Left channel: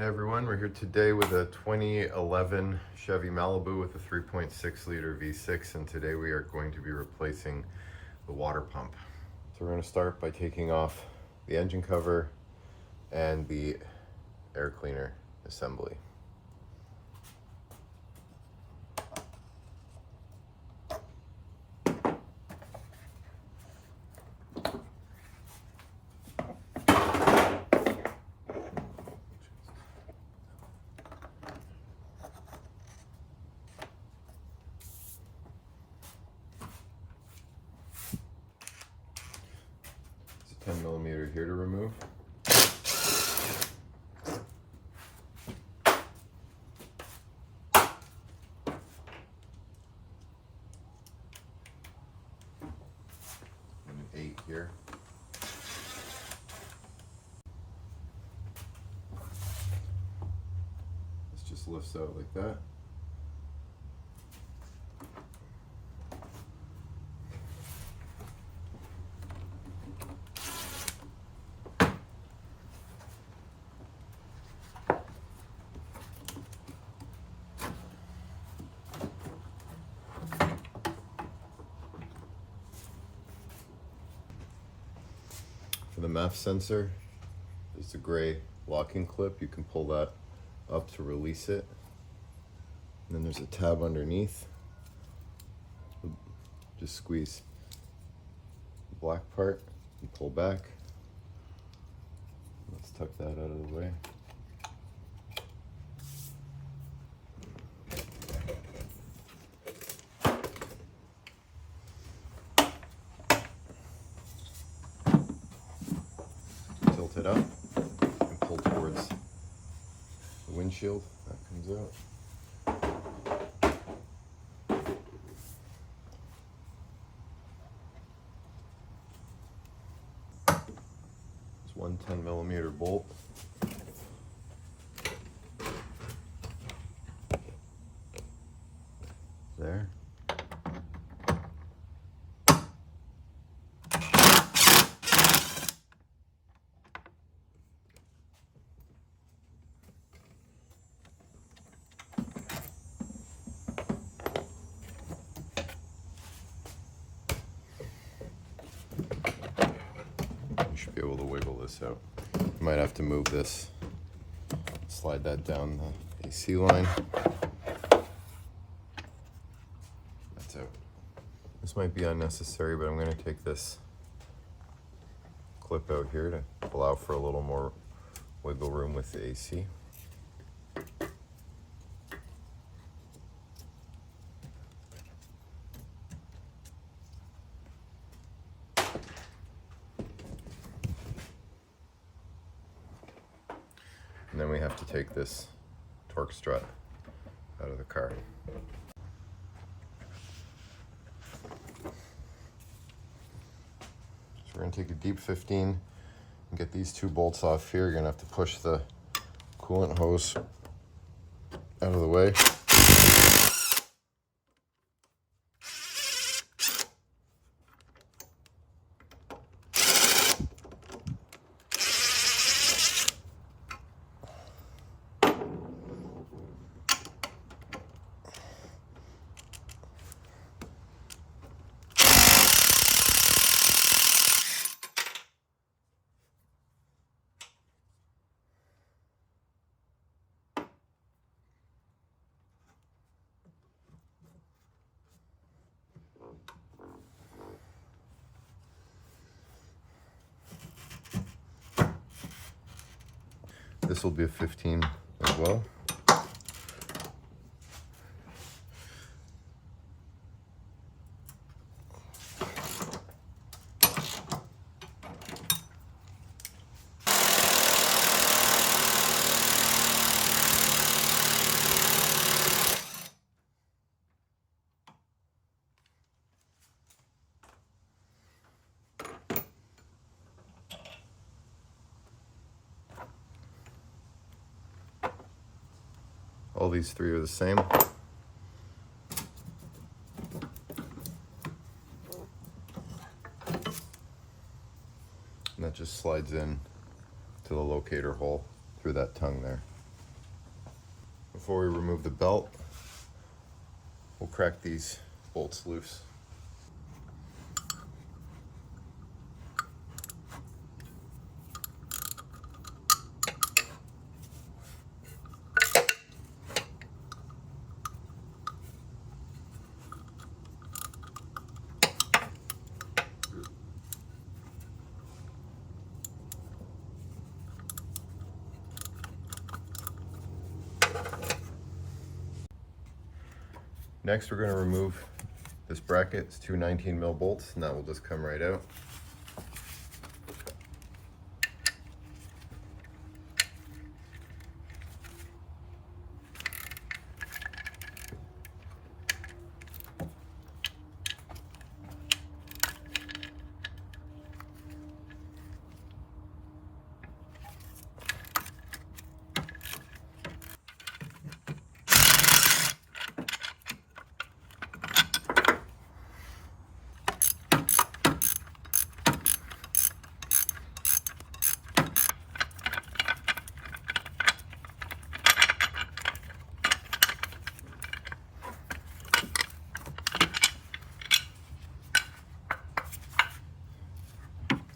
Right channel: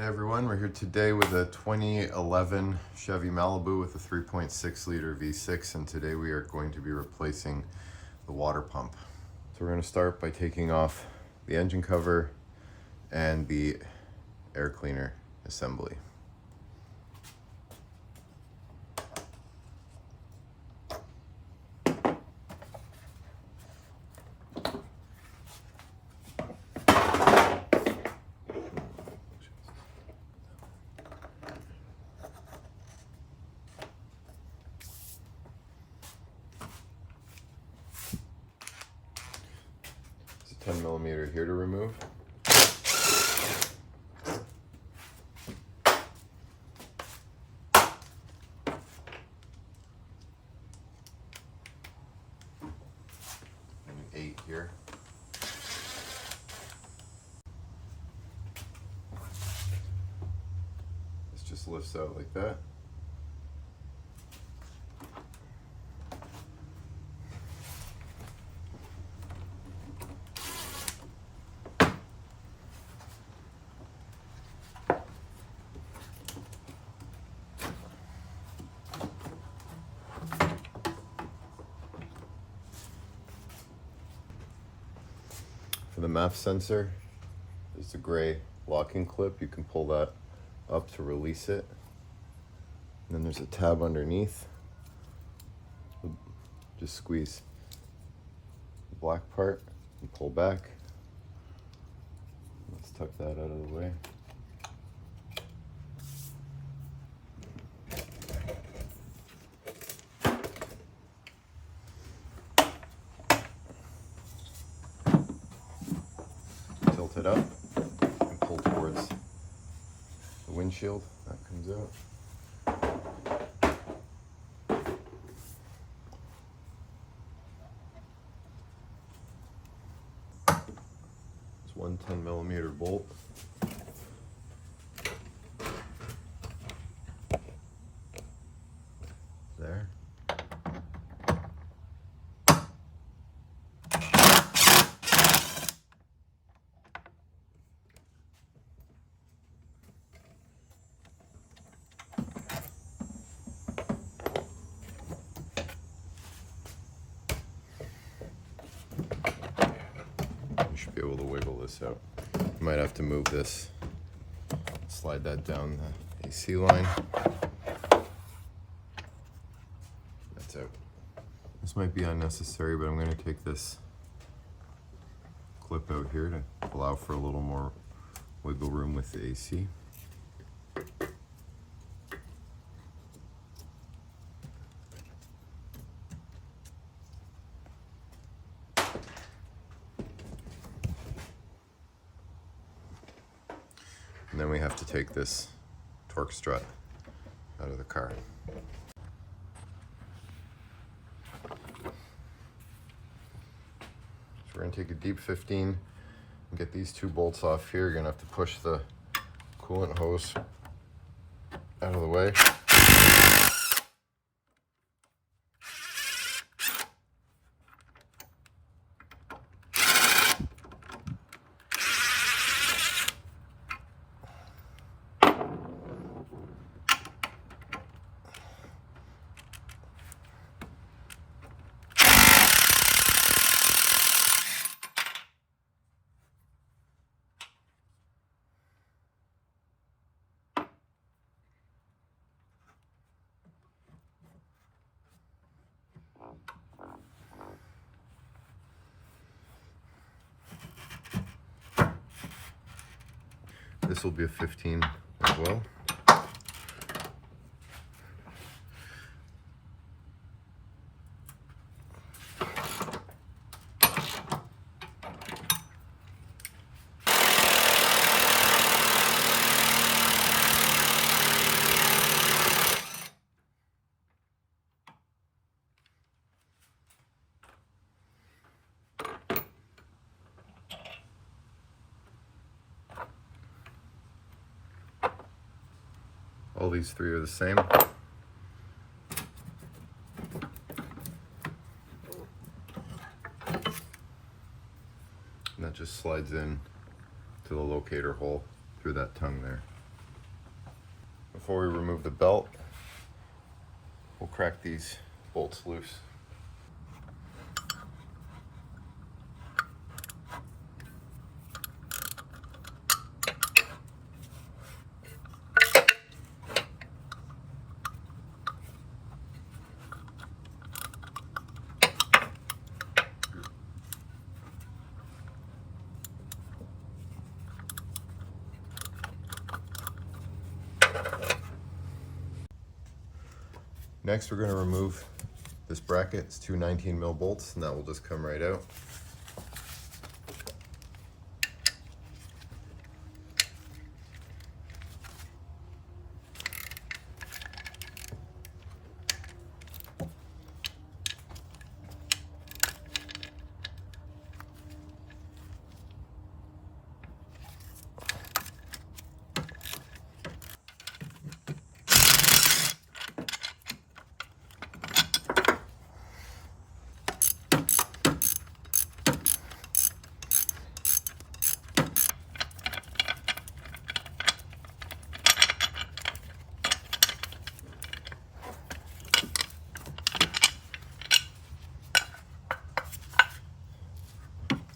Hey everyone, we're here today with a 2011 Chevy Malibu with a 3.6 liter V6, and today we are going to be replacing the water pump. So we're going to start by taking off the engine cover and the air cleaner assembly. It's a 10mm here to remove. And an 8 here. This just lifts out like that. For the MAF sensor, there's a gray locking clip. You can pull that up to release it. And then there's a tab underneath. Just squeeze the black part and pull back. Let's tuck that out of the way. Tilt it up and pull towards the windshield. That comes out. It's one 10mm bolt. There. Should be able to wiggle this out. You might have to move this, slide that down the AC line. That's out. This might be unnecessary, but I'm going to take this clip out here to allow for a little more wiggle room with the AC. And then we have to take this torque strut out of the car. So we're going to take a deep 15 and get these two bolts off here. You're going to have to push the coolant hose out of the way. This will be a 15 as well. All these three are the same. And that just slides in to the locator hole through that tongue there. before we remove the belt, we'll crack these bolts loose. Next, we're going to remove this bracket. It's two 19mm bolts, and that will just come right out.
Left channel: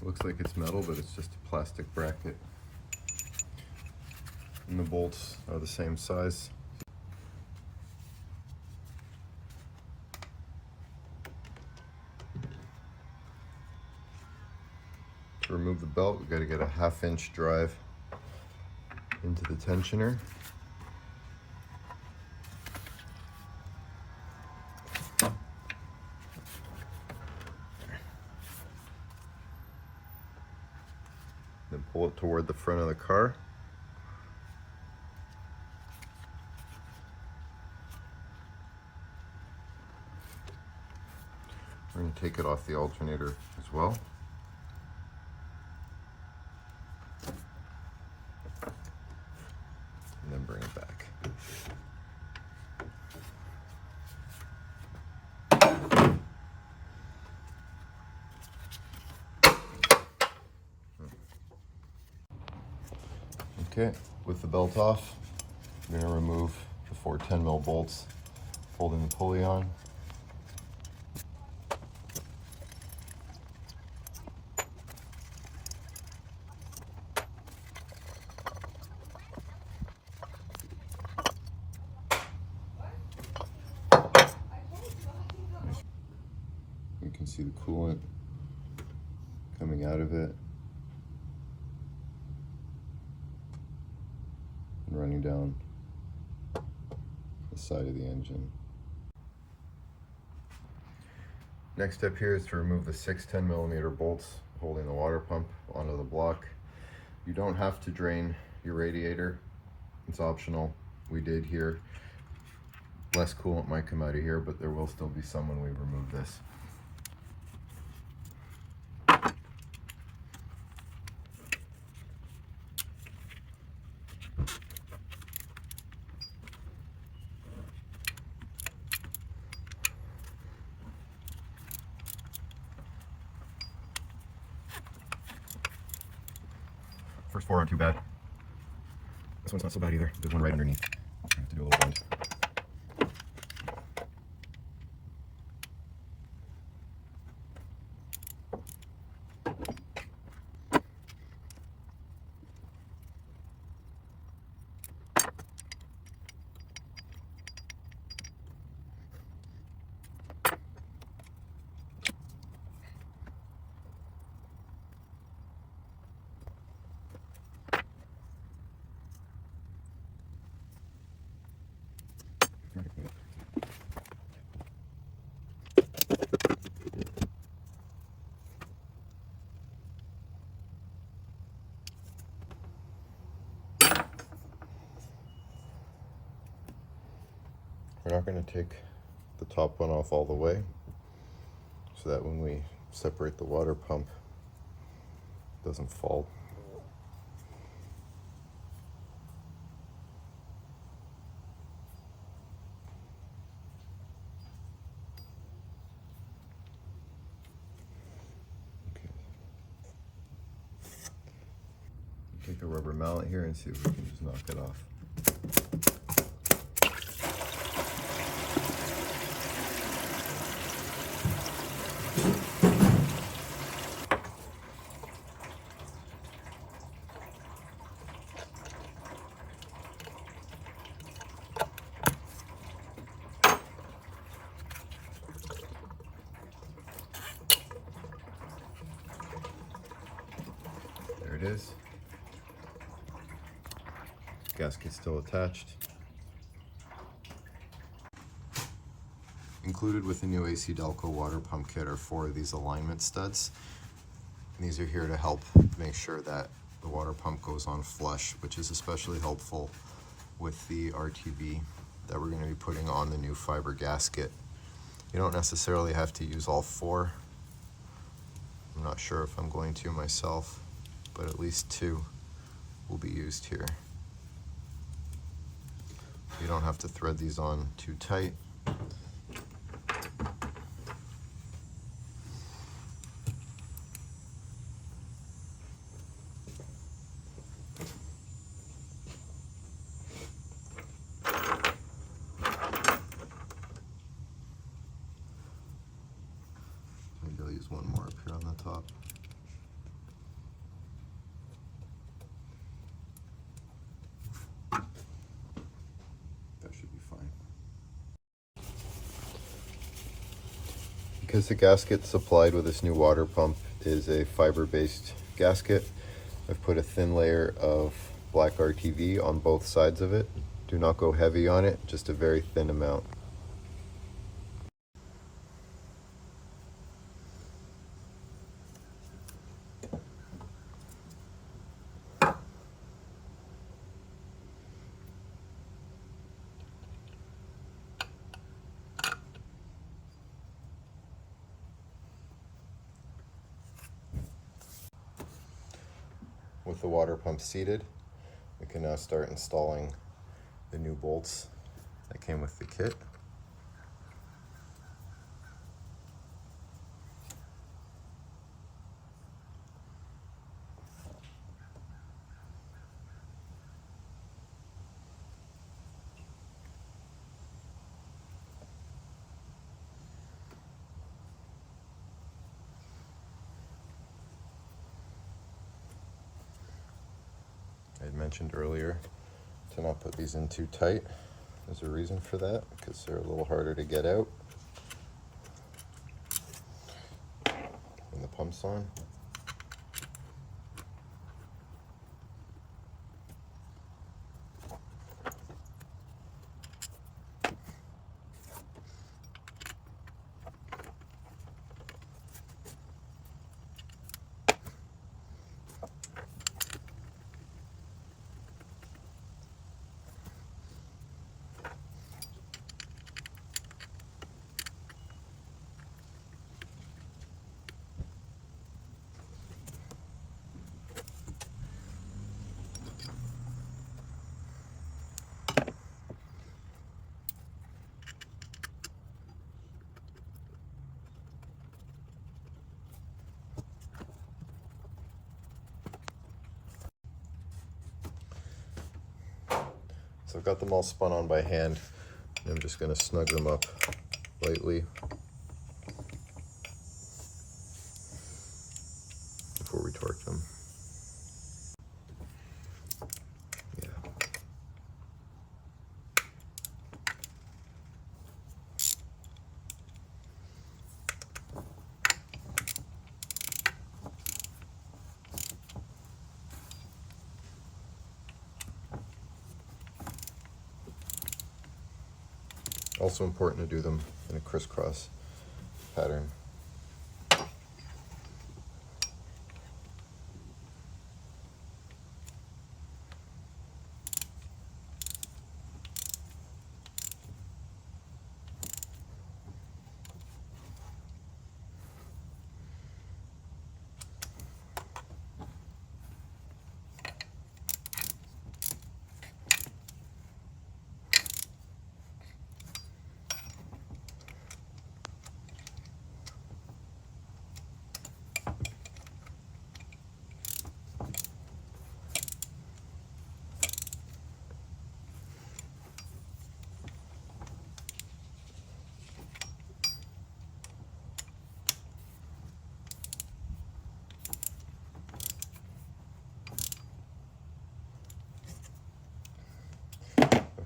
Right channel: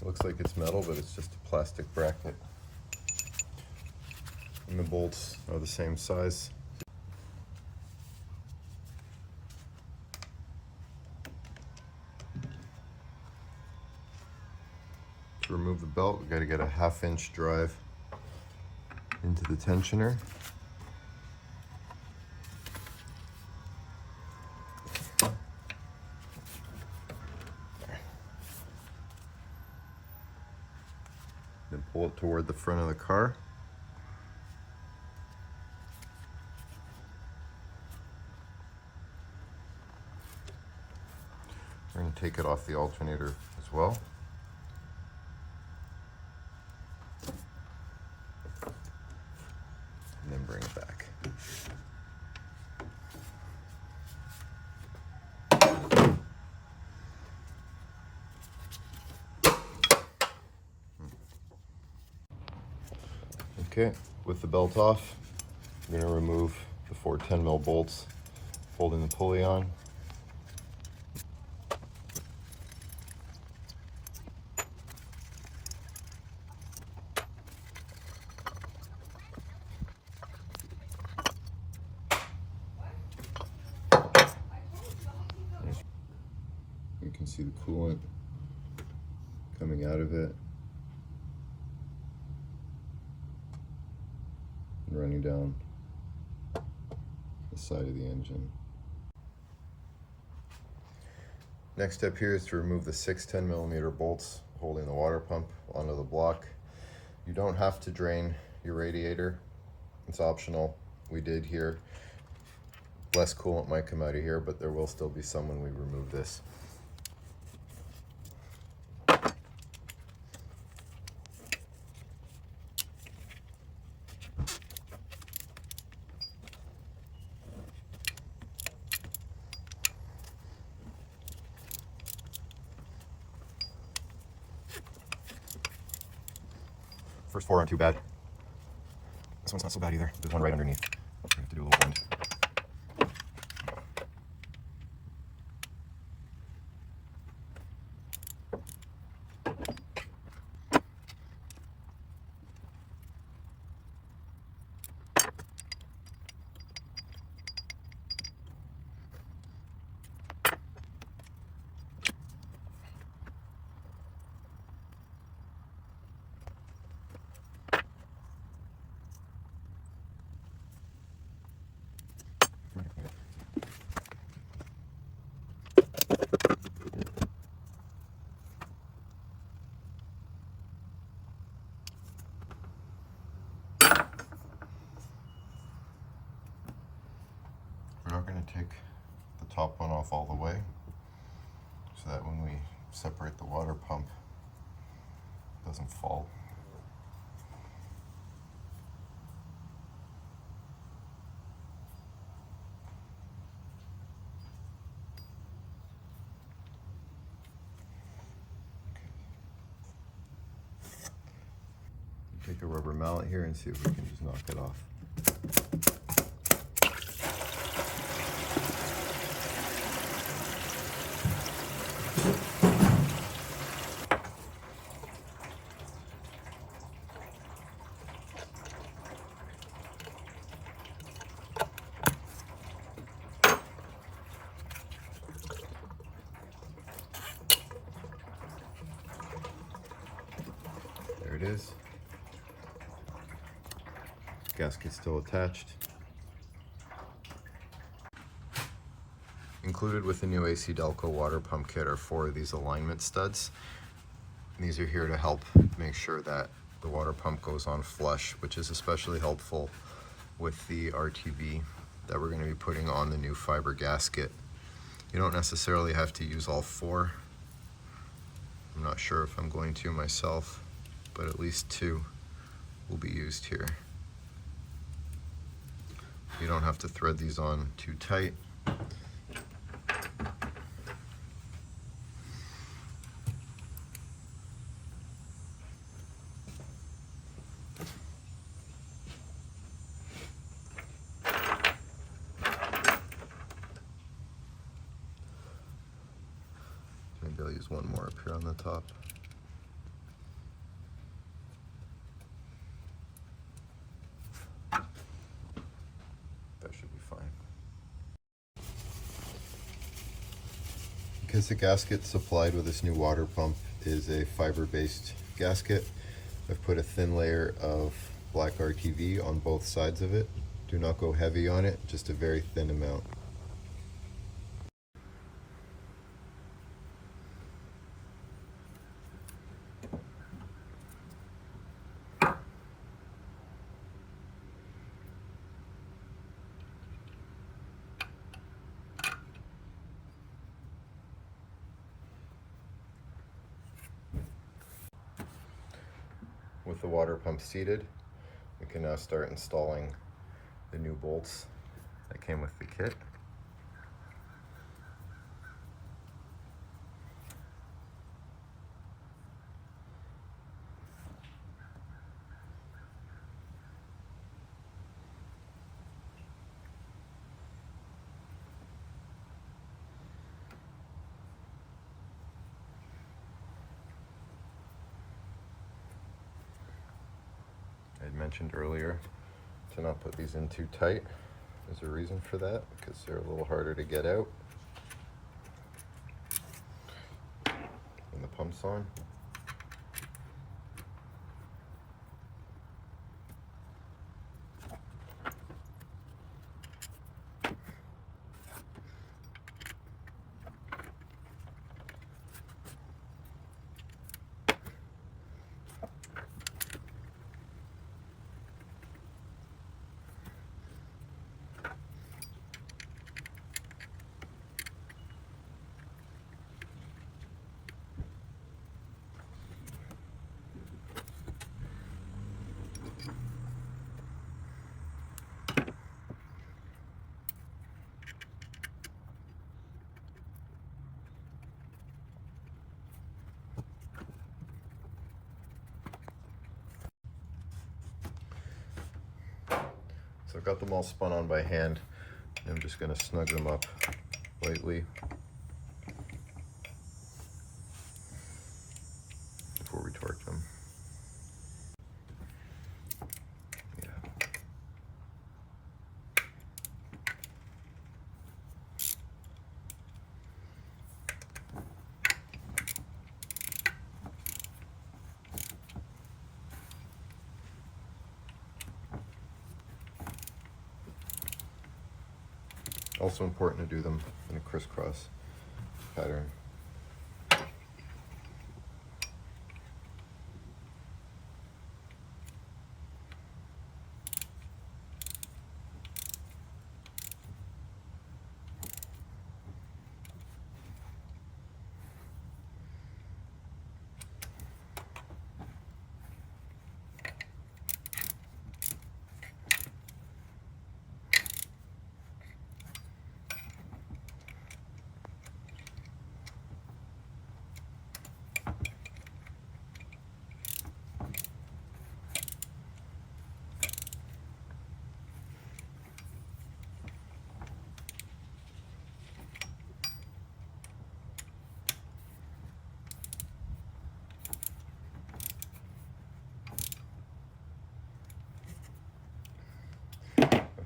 Looks like it's metal, but it's just a plastic bracket. And the bolts are the same size. To remove the belt, we've got to get a 1/2-inch drive into the tensioner. Then pull it toward the front of the car. We're going to take it off the alternator as well. And then bring it back. Okay, with the belt off, we're going to remove the 4 10mm bolts holding the pulley on. You can see the coolant coming out of it and running down the side of the engine. Next step here is to remove the 6 10mm bolts holding the water pump onto the block. You don't have to drain your radiator, it's optional. We did here. Less coolant might come out of here, but there will still be some when we remove this. First 4 aren't too bad. This one's not so bad either. There's one right underneath. You have to do a little bend. We're not going to take the top one off all the way, so that when we separate the water pump, it doesn't fall. Okay. Take the rubber mallet here and see if we can just knock it off. Gasket still attached. Included with the new AC Delco water pump kit are 4 of these alignment studs. And these are here to help make sure that the water pump goes on flush, which is especially helpful with the RTV that we're going to be putting on the new fiber gasket. You don't necessarily have to use all 4. I'm not sure if I'm going to myself, but at least 2 will be used here. You don't have to thread these on too tight. Maybe I'll use one more up here on the top. That should be fine. Because the gasket supplied with this new water pump is a fiber-based gasket, I've put a thin layer of black RTV on both sides of it. Do not go heavy on it, just a very thin amount. With the water pump seated, we can now start installing the new bolts that came with the kit. Mentioned earlier to not put these in too tight. There's a reason for that, because they're a little harder to get out when the pump's on. So I've got them all spun on by hand. I'm just going to snug them up lightly before we torque them. Also important to do them in a crisscross pattern.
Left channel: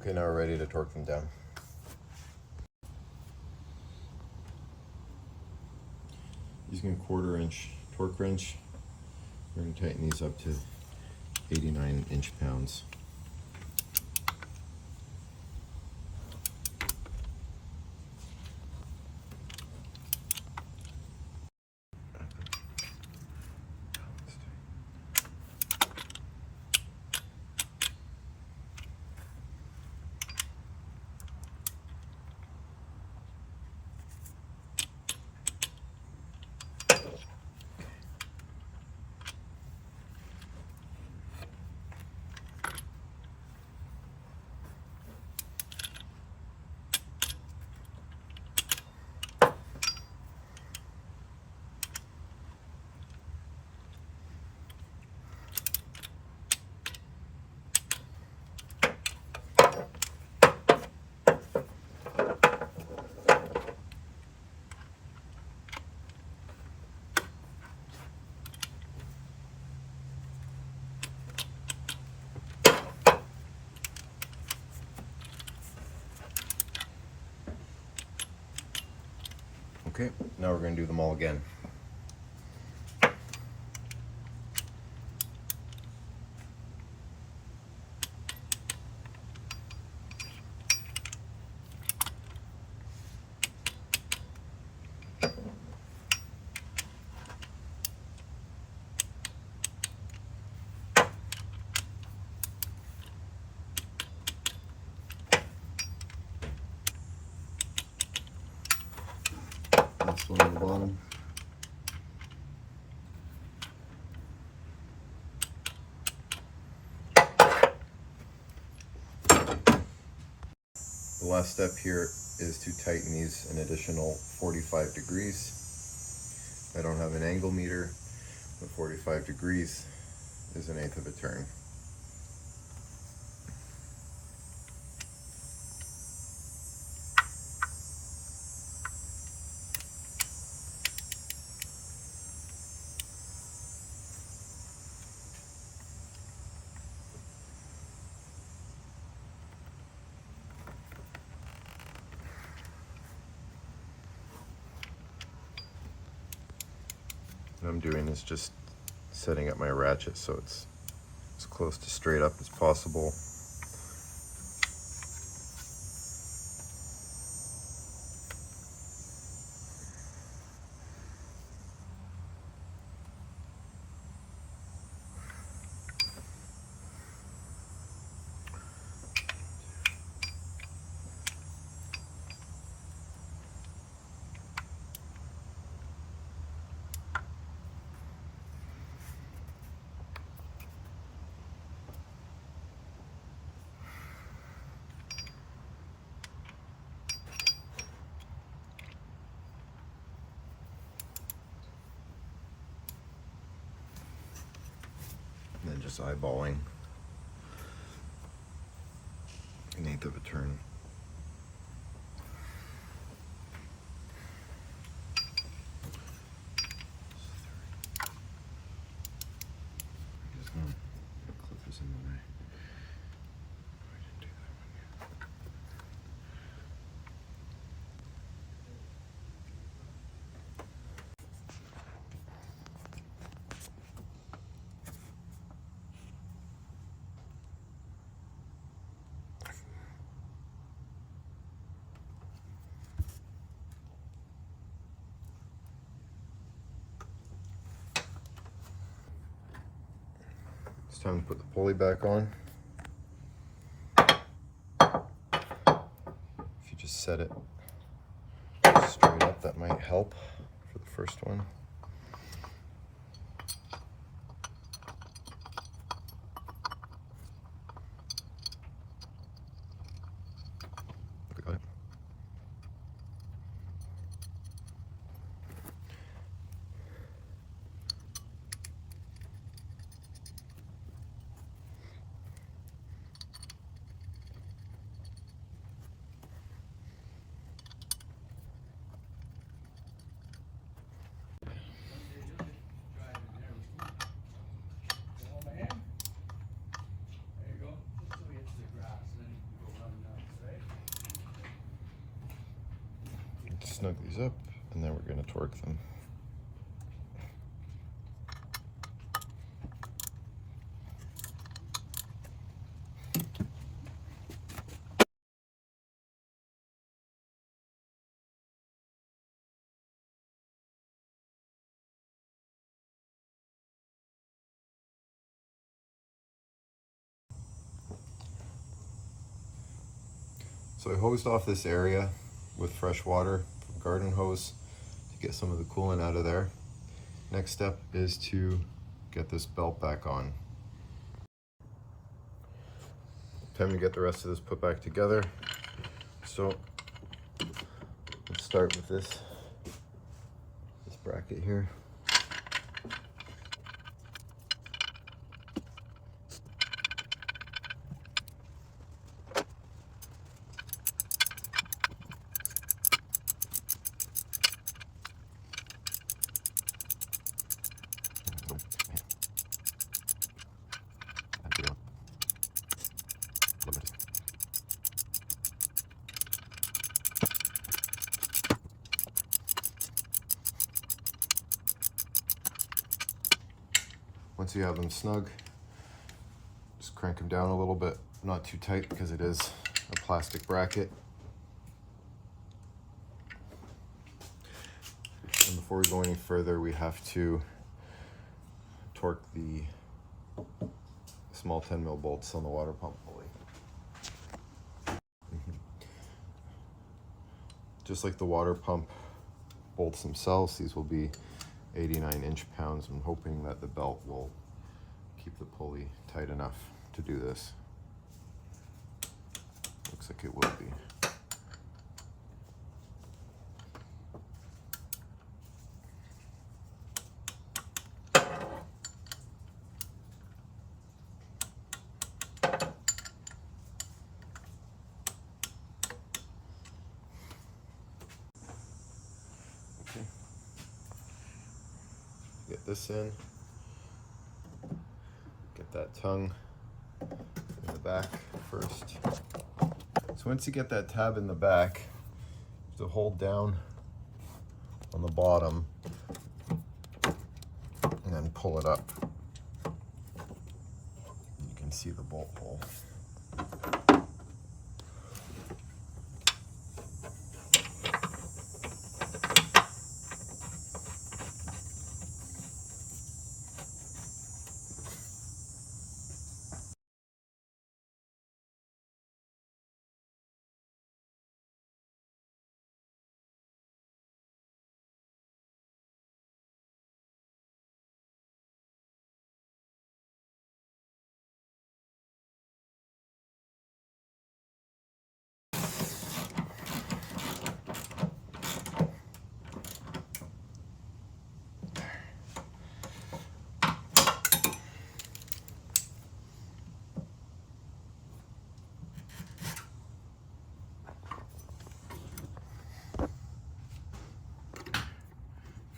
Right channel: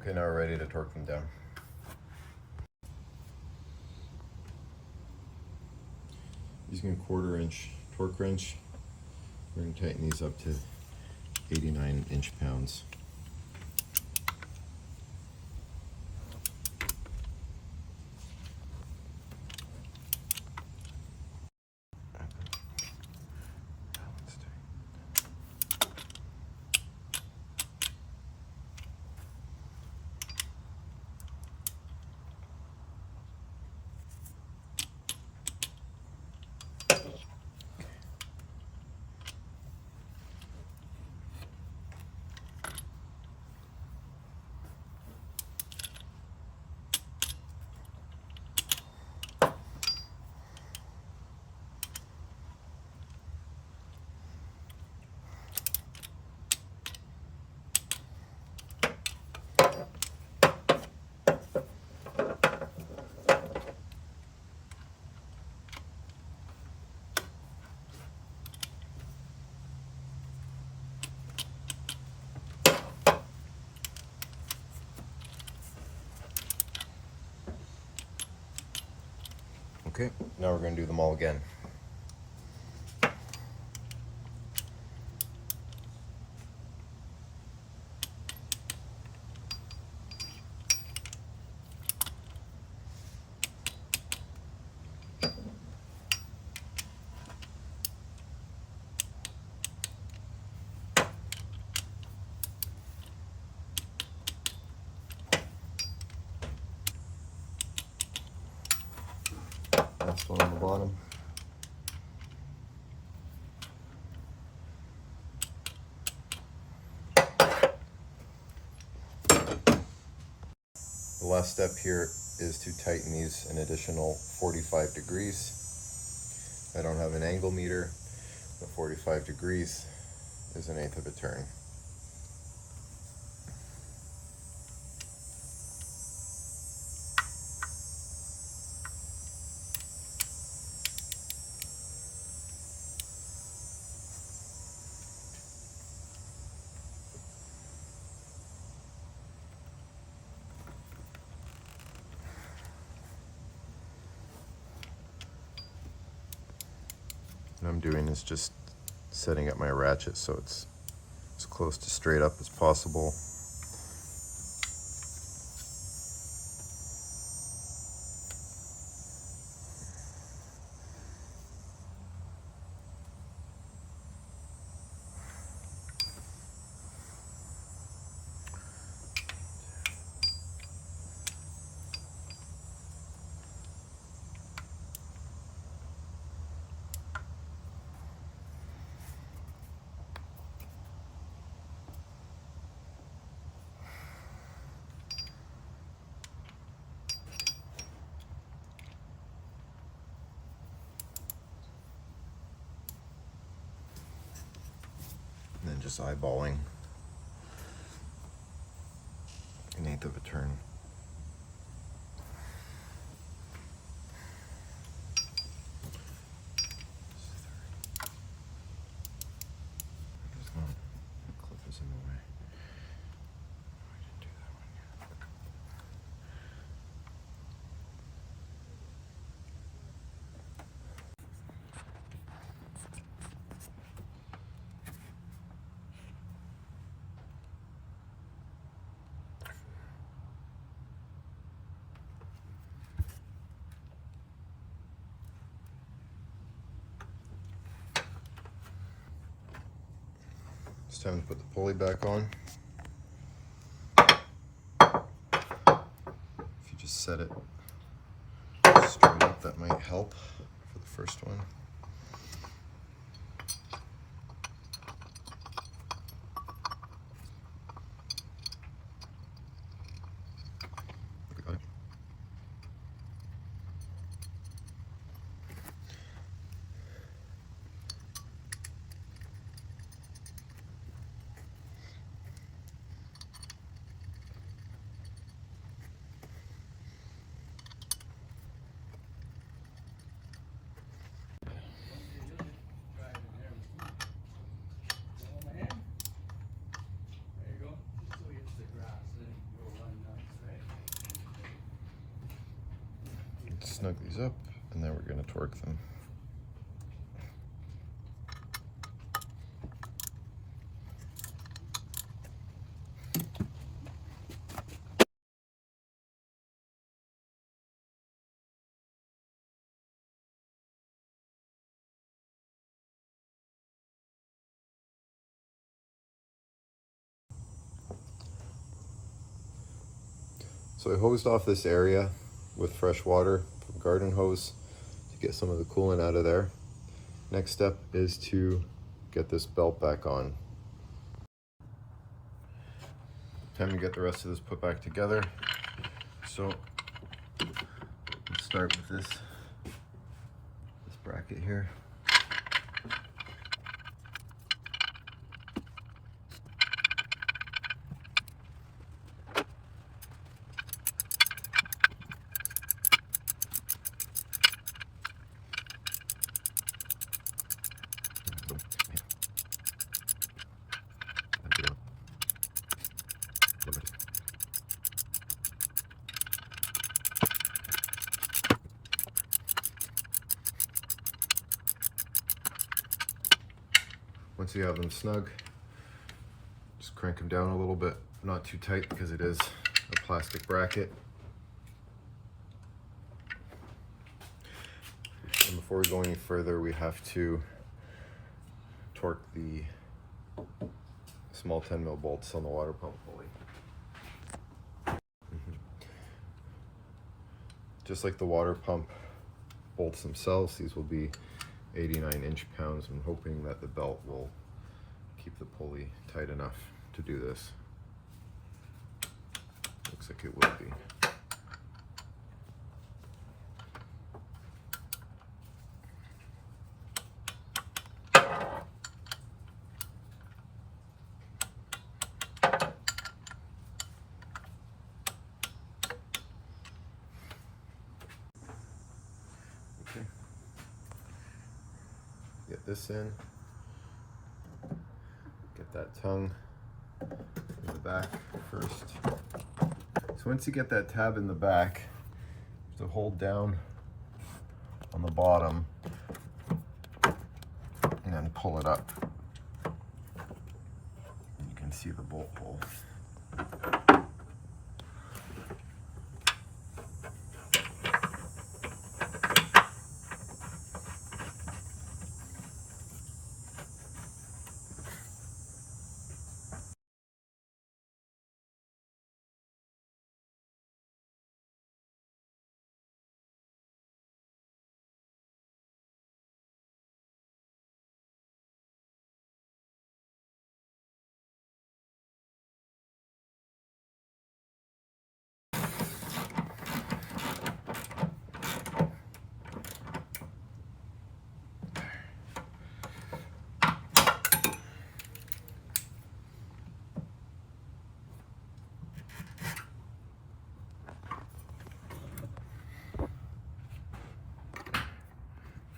Okay, now we're ready to torque them down. Using a 1/4 inch torque wrench, we're going to tighten these up to 89 inch-pounds. Okay, now we're going to do them all again. This one on the bottom. The last step here is to tighten these an additional 45 degrees. I don't have an angle meter, but 45 degrees is 1/8 of a turn. What I'm doing is just setting up my ratchet so it's as close to straight up as possible. Just eyeballing 1/8 of a turn. Just want to clip this in the way. It's time to put the pulley back on. If you just set it straight up, that might help for the first one. Got it. Snug these up, and then we're going to torque them. So I hosed off this area with fresh water from garden hose to get some of the coolant out of there. Next step is to get this belt back on. Time to get the rest of this put back together. So let's start with this bracket here. you have them snug, just crank them down a little bit, not too tight because it is a plastic bracket. And before we go any further, we have to torque the small 10mm bolts on the water pump pulley. Just like the water pump bolts themselves, these will be 89 inch-pounds. I'm hoping that the belt will keep the pulley tight enough to do this. Looks like it will be. Okay. Get this in. Get that tongue in the back first. So once you get that tab in the back, to hold down on the bottom and then pull it up. You can see the bolt hole.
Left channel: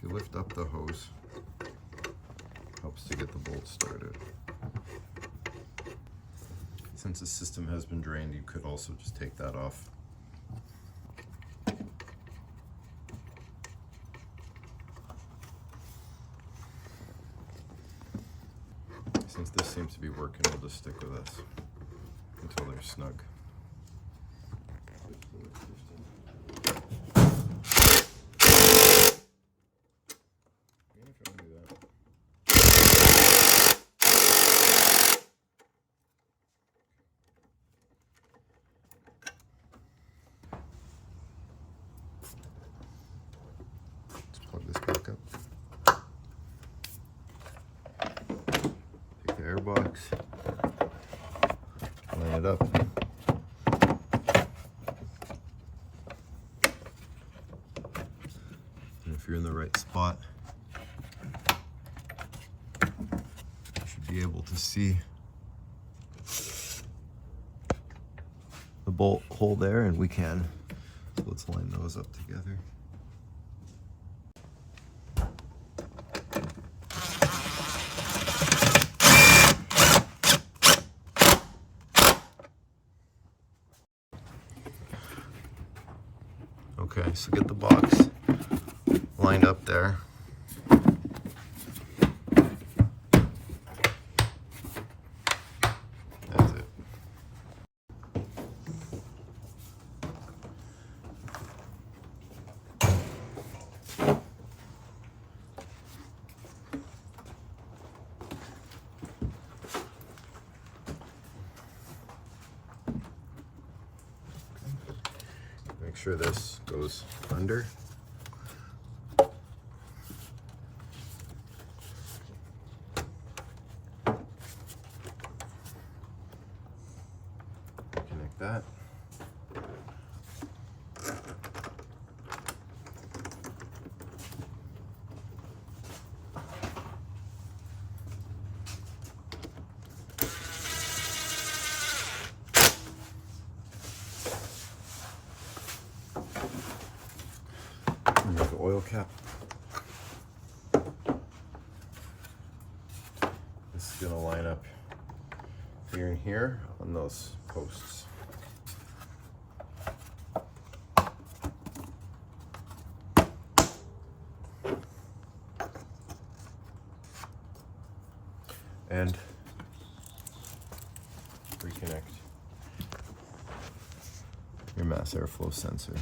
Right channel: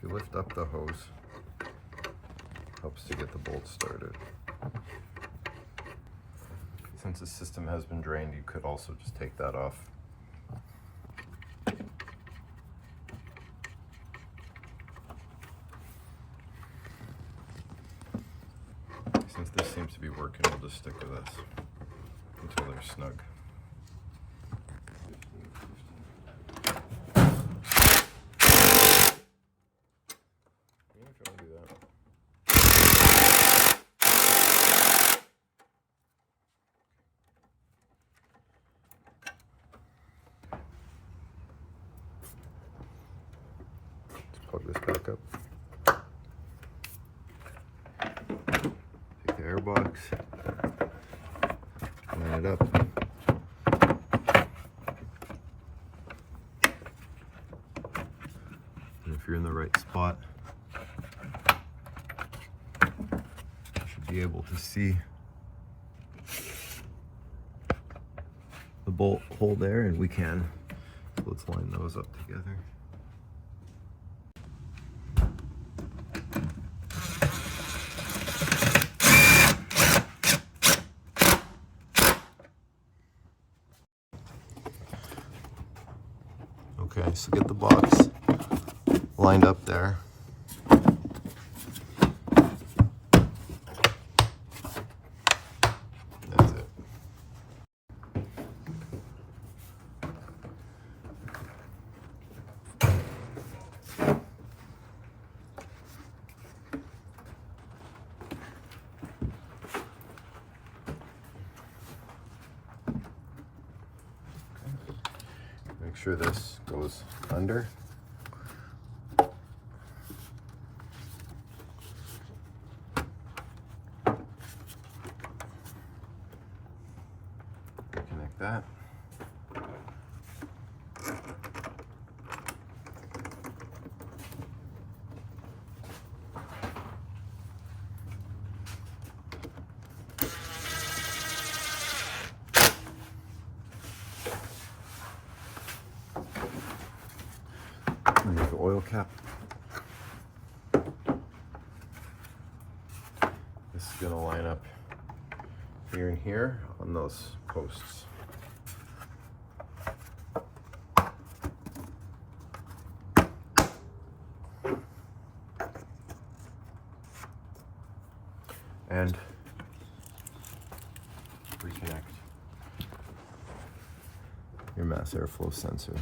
If you lift up the hose, helps to get the bolt started. Since the system has been drained, you could also just take that off. Since this seems to be working, we'll just stick with this until they're snug. Plug this back up. Take the air box, line it up. And if you're in the right spot, you should be able to see the bolt hole there, and we can. So let's line those up together. Okay, so get the box lined up there. That's it. Make sure this goes under. Connect that. Remove the oil cap. This is going to line up here and here on those posts. mass airflow sensor.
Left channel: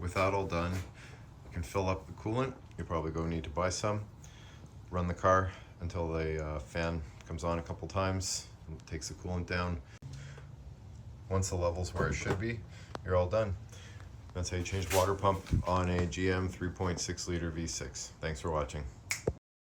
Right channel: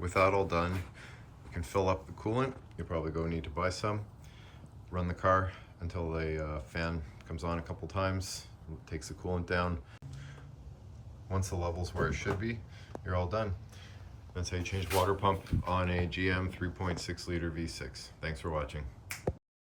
With that all done, you can fill up the coolant. You probably go need to buy some. Run the car until the fan comes on a couple times, takes the coolant down. Once the level's where it should be, you're all done. That's how you change water pump on a GM 3.6 liter V6. Thanks for watching.